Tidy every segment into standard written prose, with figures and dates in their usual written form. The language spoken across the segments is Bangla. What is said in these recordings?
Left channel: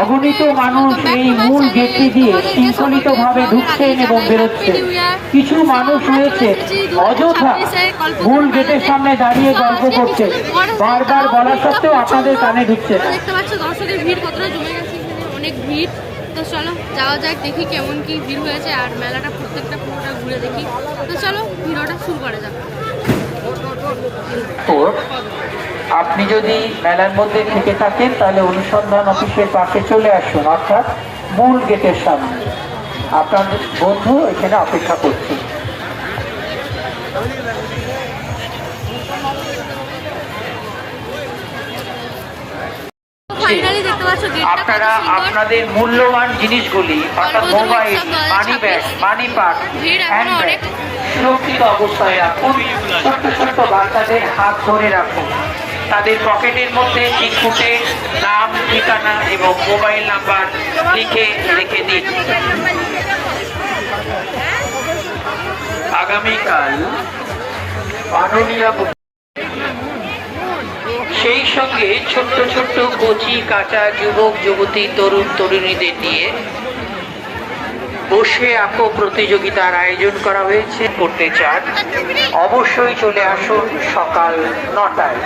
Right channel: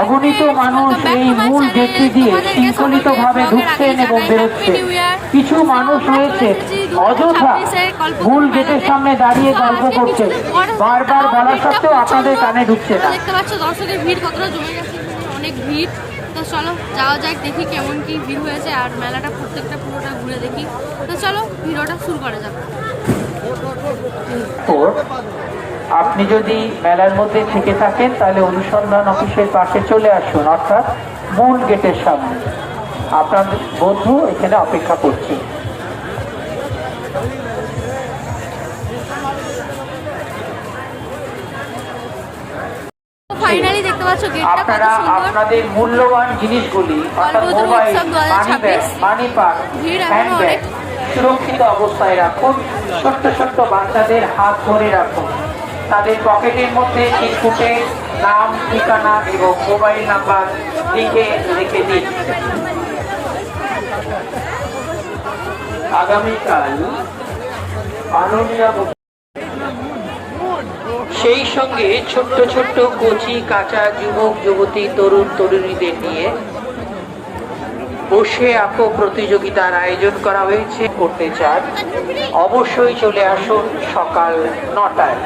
অগণিত মানুষ এই মূল গেটটি দিয়ে শৃঙ্খলিতভাবে ঢুকছেন এবং বেরোচ্ছেন। কিছু মানুষ রয়েছে অযথা মূল গেটের সামনে দাঁড়িয়ে গল্প করছে, বারবার বলা সত্ত্বেও আপনাদের কানে ঢুকছে না। দেখতে পাচ্ছ দর্শকের ভিড় কতটা জমে গেছে, অনেক ভিড়। তো চলো যাওয়া যাক, দেখি কেমন কি ভিড় হয়েছে আর মেলাটা প্রত্যেকটা পুরোটা ঘুরে দেখি। তো চলো ভিডিওটা শুরু করা যাবে। তো আপনি যদি মেলার মধ্যে থেকে থাকেন তাহলে অনুসন্ধান অফিসের পাশে চলে আসুন, অর্থাৎ মূল গেটের সামনে। আপনার বন্ধু এখানে অপেক্ষা করছে। আপনারা আপনাদের মূল্যবান জিনিসগুলি অর্থাৎ mobile, money bag, money purse, handbag সুরক্ষিত অবস্থায় রাখুন। ছোট্ট ছোট্ট বাচ্চাদের হাত ধরে রাখুন। তাদের পকেটের মধ্যে চিরকুটের নাম, ঠিকানা এবং মোবাইল নাম্বার লিখে রেখে দিন। আগামীকাল মাননীয় সেই সঙ্গে ছোট্ট ছোট্ট কচি কাঁচা যুবক যুবতী তরুণ তরুণীদের নিয়ে বসে আঁকো প্রতিযোগিতার আয়োজন করা হয়েছে। করতে চান অবশ্যই চলে আসুন সকাল 9টায়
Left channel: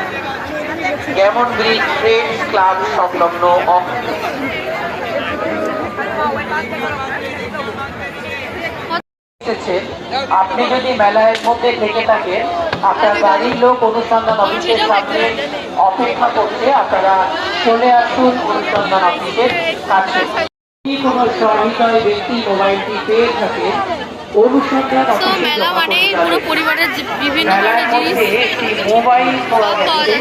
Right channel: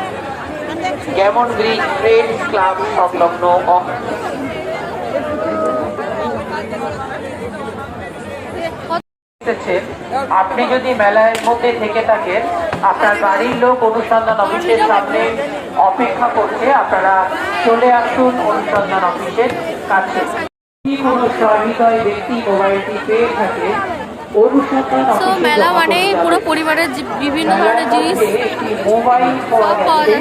যেমন ব্রিজ ফ্রেন্ডস ক্লাব সংলগ্ন। আপনি যদি মেলার মধ্যে থেকে থাকেন, আপনার বাড়ির লোক অনুসন্ধান অফিসের সামনে অপেক্ষা করতে, আপনারা চলে আসুন অনুসন্ধান অফিসের কাছে। যদি কোনো সহৃদয় ব্যক্তি মোবাইলটি পেয়ে থাকে, অনুসন্ধান অফিসে একটি মোবাইল পাওয়া যাচ্ছে।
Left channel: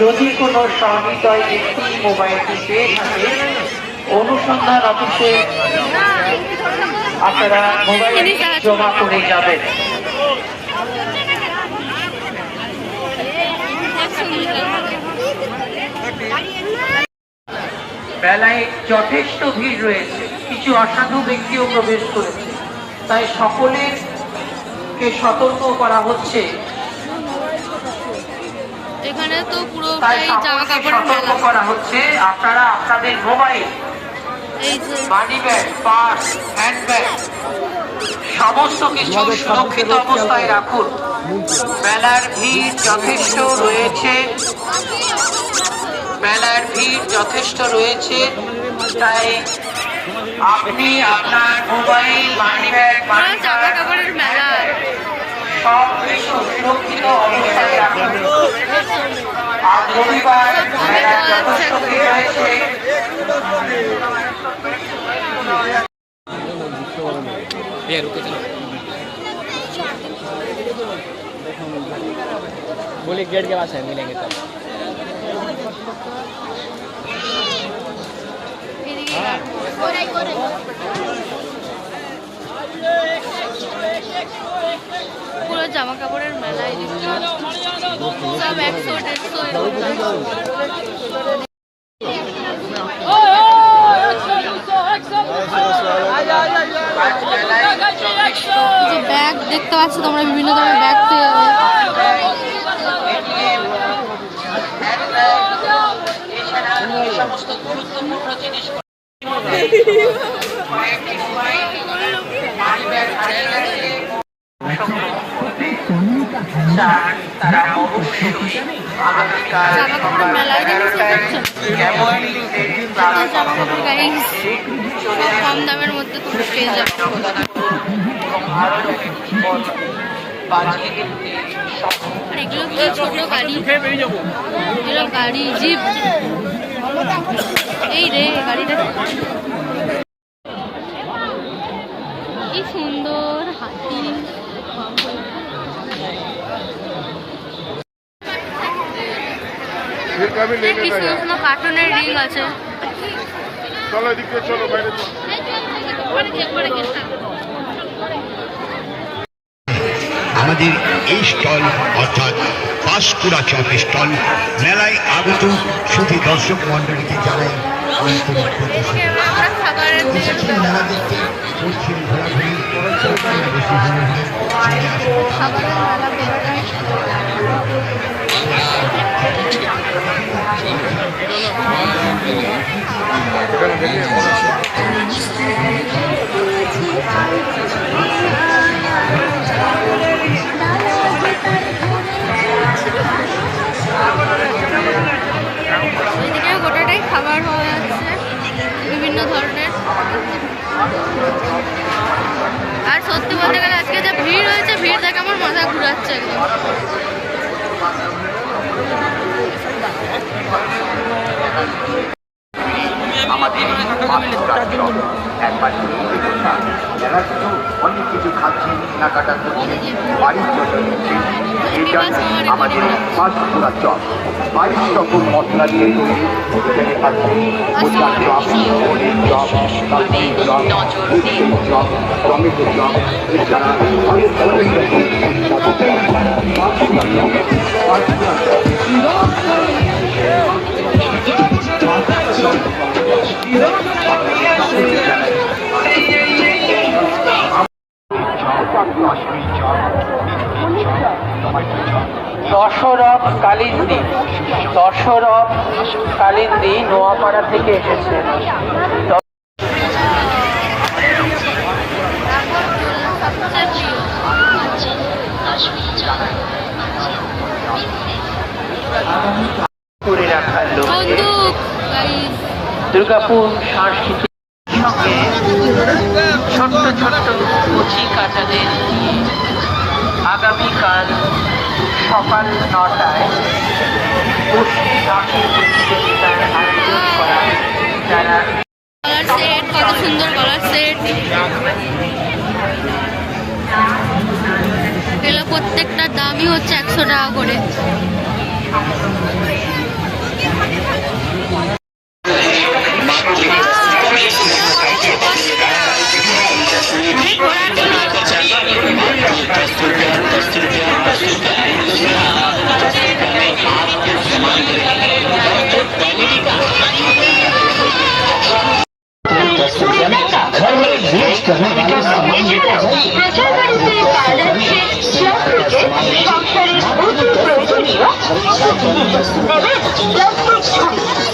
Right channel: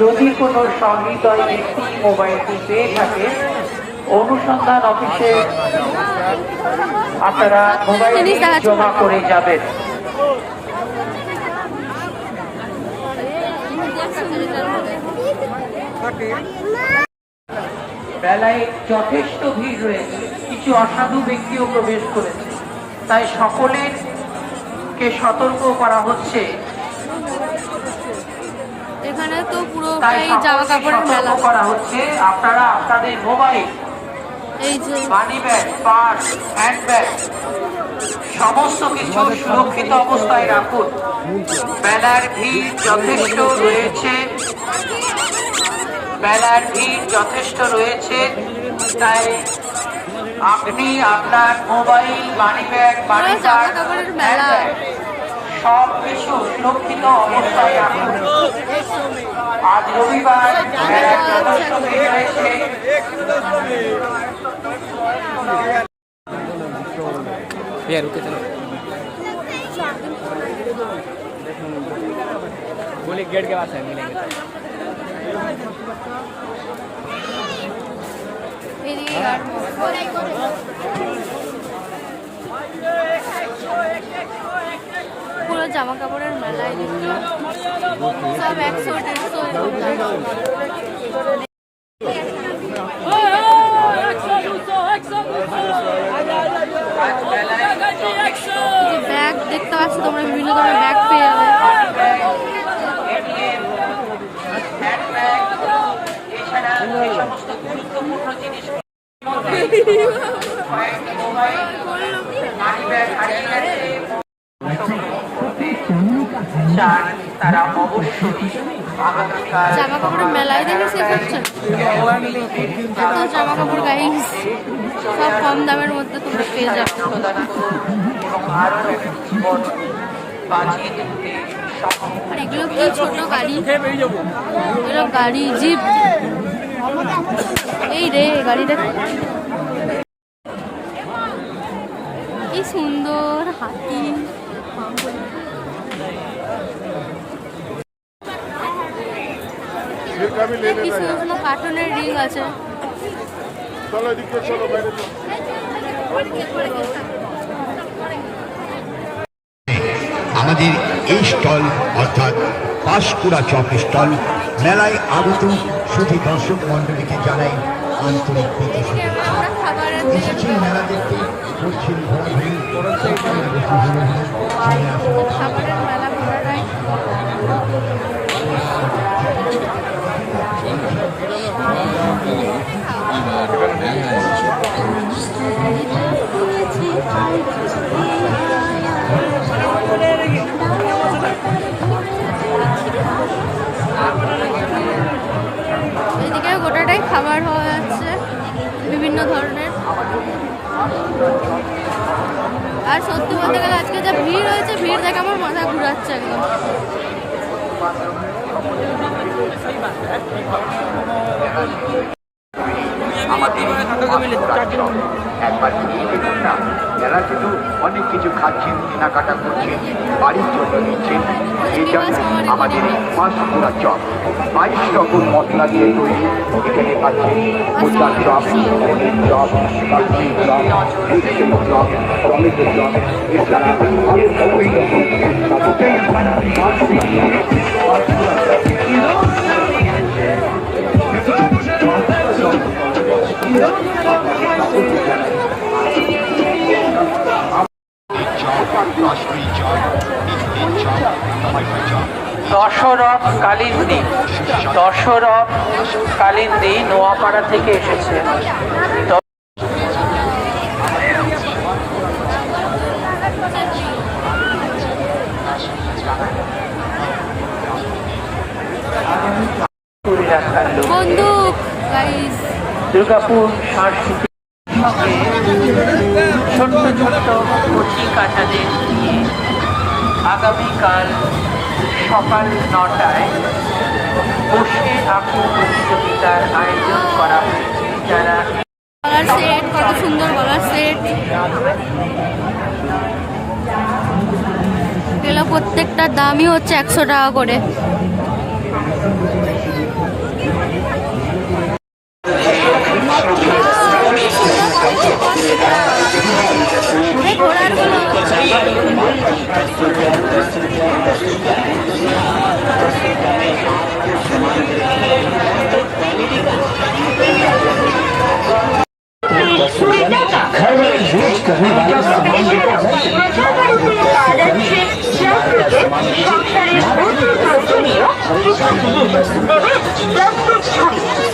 যদি কোনো সহৃদয় ব্যক্তি মোবাইলটি পেয়ে থাকে, অনুসন্ধান অফিসে আপনারা মোবাইল জমা করে যাবেন। মেলায় যথেষ্ট ভিড় রয়েছে, কিছু অসাধু ব্যক্তিও প্রবেশ করেছে, তাই সকলেরকে সতর্ক করা হচ্ছে। এখানে তো পুরোটাই জামা কাপড় সতর্ক করা হচ্ছে, আপনারা আপনাদের mobile, money bag, purse, handbag সমস্ত কিছু সুরক্ষিত অবস্থায় রাখুন। মেলার ভিড় যথেষ্ট রয়েছে, মেলার ভিড় যথেষ্ট রয়েছে, তাই আপনি আপনার মোবাইল, মানি ব্যাগ, জামা কাপড়ের মেলা সব কিছু সুরক্ষিত অবস্থায় রাখুন। আজ রবিবার बोले गेट के पास है, मिलेंगे পুরো জামা কাপড়ের মেলায় সব 100-150 ব্যাগ দেখতে পাচ্ছ তোমরা, বিভিন্ন ধরনের ব্যাগ পেয়ে যাবে। তারা অবশ্যই জামা কাপড়ের মেলায় দেখেছে জামা কাপড় গাড়ি সব কম দামের মধ্যে তোমরা পেয়ে যাবে। আর এগুলো কি ছোট গাড়ি, এগুলো গাড়ি জিপ। এই রে গাড়িটা কি সুন্দর, হাতি। কি সুন্দর সুন্দর কার্টুনের রিং আছে। চলো এদিকে, চলো বাইরে। আমাদের এই স্টল অর্থাৎ পাঁশকুড়া চপ স্টল মেলায় আগত শুধু দর্শক মন্ডলীকে জানাই আন্তরিক মেলা দেখতে পশ্চিম ঘোরাঘুরি খাবারের মেলা আর সত্যি বলতে গেলে আজকে যে ভিড় হয়েছে, ভিড় দেখে আমার মাথা ঘুরাচ্ছে একদম। যারা শুধু অনেক কিছু খাচ্ছেন কেনাকাটা করছেন বাড়ির জন্য নিচ্ছেন এটা আমাদের পাঁচকুড়া চপ 22 রকম মশলা দিয়ে তৈরি। এখানে পাচ্ছেন মোচার চপ, পনির চপ, কাশ্মীর চপ, মিষ্টির চপ, টমেটো চপ, এছাড়া অনেক অনেক রকম সুস্বাদু পাঁচকুড়া চপ, পাঁচকুড়া দশরথ কালিন্দী, দশরথ কালিন্দী নোয়াপাড়া থেকে এসেছে। করে রাখার লক্ষ্যে বন্দুক গাইস, দুর্গাপুর সাংস্কৃতিক ছোট্ট ছোট্ট কুচি কাঁচাদের নিয়ে আগামীকাল সকাল 9টায় বসে আঁকের প্রতিযোগিতার আয়োজন করা হয়েছে। যারা কালার সেট, কত সুন্দর কালার সেট। এগুলো প্রত্যেকটার দামই হচ্ছে 100 টাকা করে।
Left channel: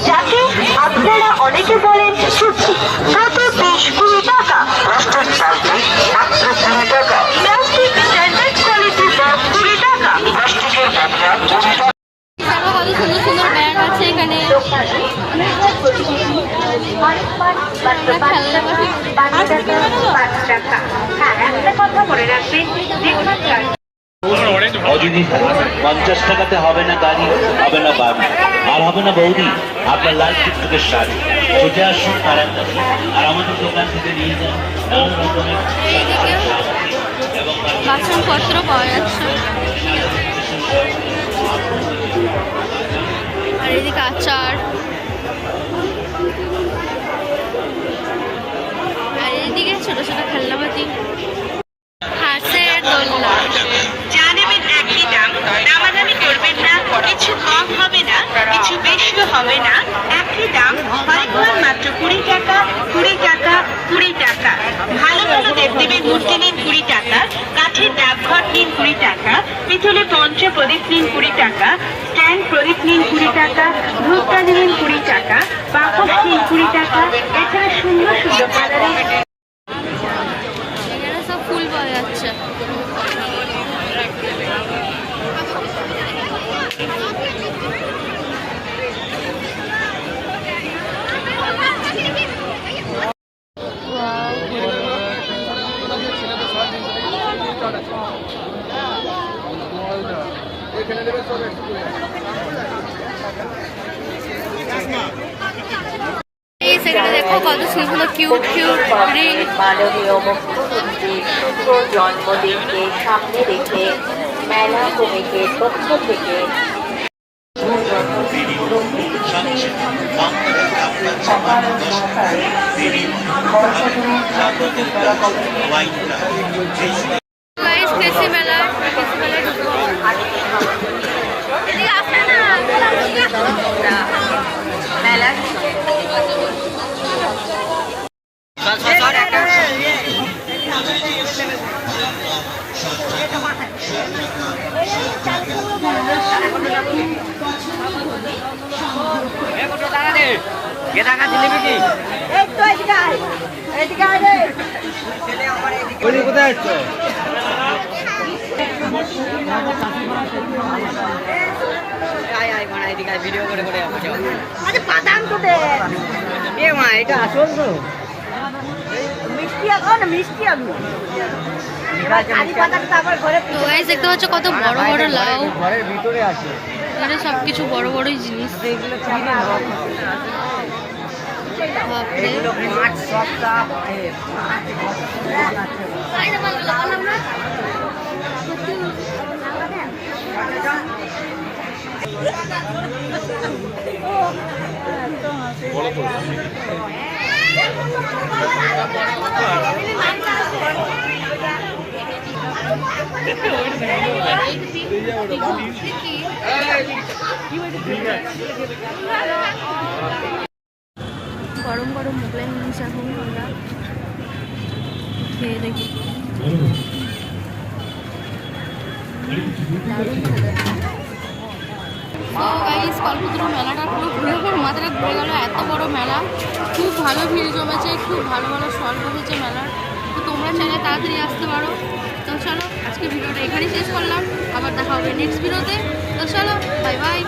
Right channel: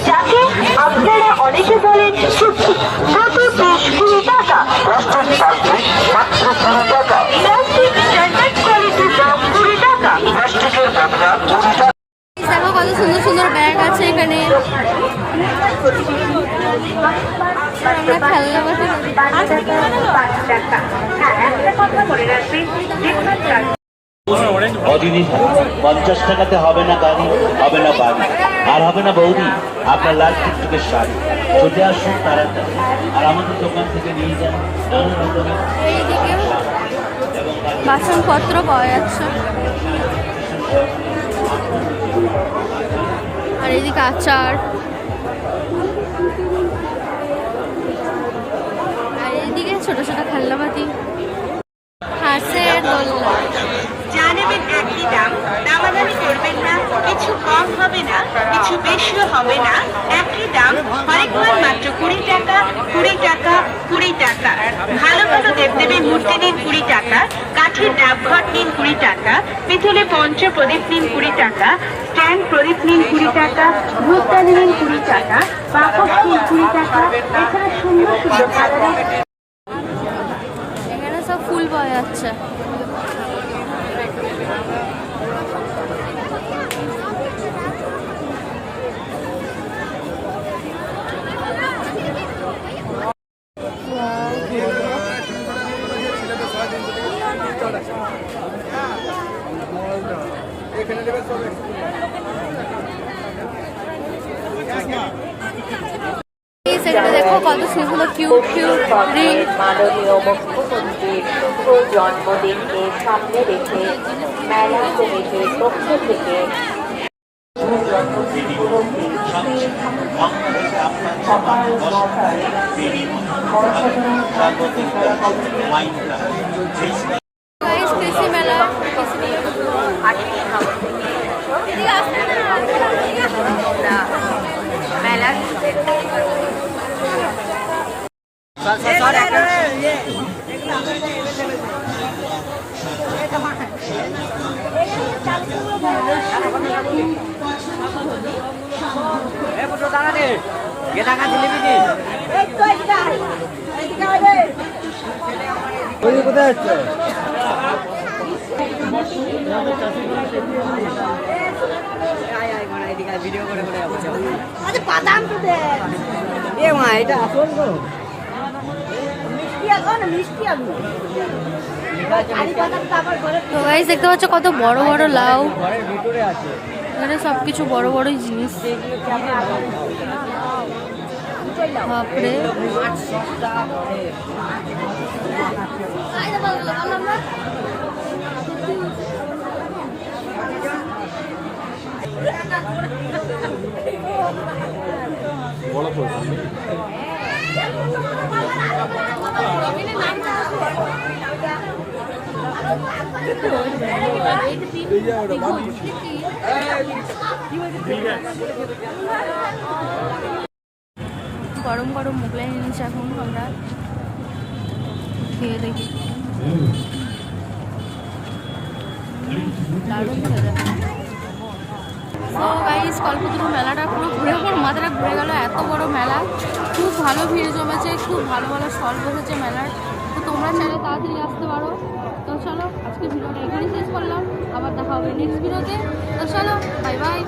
যাকে আপনারা অনেকে বলেন সুখী, তাতে বেশ 20 টাকা। প্লাস্টিক স্ট্যান্ডার্ড কোয়ালিটি ব্যাগ 20 টাকা। প্লাস্টিকের বদলা 20 টাকা। কত সুন্দর সুন্দর ব্যাগ আছে এখানে। হ্যাঁ, একটা কথা বলে রাখছি, অদিদি 50 টাকাতে হবে না গাড়ি, হবে না বাড়ি, আর হবে না বৌদি আপনার লাল টুকটুকের শাড়ি। ছুটে আসুন তাড়াতাড়ি আর আমাদের দোকান থেকে নিয়ে যান নানা রকমের এইদিকে বাসনপত্র পাওয়া যাচ্ছে, আর এইদিকে আচার, আর এইদিকে ছোট ছোট খেলনাপাতি, হাঁসের দোলনা। যা নেবেন একই দাম, দামাদামি করবেন না, কিছু কম হবে না, কিছু বেশিও হবে না, একই দাম। মাইক্রোওয়েভ মাত্র 20 টাকা, 20 টাকা, 20 টাকা। ভালো ভালো দেবদেবীর মূর্তি নিন 20 টাকা, কাঠের ডাবঘট নিন 20 টাকা, পিতলে পঞ্চ প্রদীপ নিন 20 টাকা, স্ট্যান্ড প্রদীপ নিন 20 টাকা, ভুট্টা নিন 20 টাকা, বাকস নিন 20 টাকা। এছাড়া সুন্দর সুন্দর কালারের এখানে সব ফুল পাওয়া যাচ্ছে। সেখানে দেখো কত সুন্দর কিউট কিউট রিং। মাননীয় মুখ্যমন্ত্রীর শুভ জন্মদিনকে সামনে রেখে মেলা কমিটির পক্ষ থেকে সকাল 9টায় বর্ষাধরণ সাংস্কৃতিক মেলা কমিটি গাইস কৃষি মেলায় ঢুকবো। এদিকে আসবে না, মেলা কোথায় আসছো? ভিডিও করে করে আরে বাদাম কোটে এ মা এটা আসল তো তো গাইস দেখতে পাচ্ছ কত বড় বড় লাউ, ঘরের ভিতরে আছে এখানে সব কিছু বড় বড়ই জিনিস। এগুলো কিনে নাও। বাপরে মাছ সবটা গরম গরম মোগলাই জিনিস এখন আমরা খেয়ে দেখি, দারুণ খেতে। তো গাইস কল্পতরু মেলাটা পুরো ঘুরে পর মাথাটা ঘুরে গেল, এত বড় মেলা, খুব ভালো ভিড় জমেছে, খুব ভালো ভালো স্টল বসেছে মেলার। তো তোমরা চাইলে তাড়াতাড়ি আসতে পারো। তো চলো আজকে ভিডিওটা এখানেই শেষ করলাম, আবার দেখা হবে নেক্সট ভিডিওতে। তো চলো বাই বাই।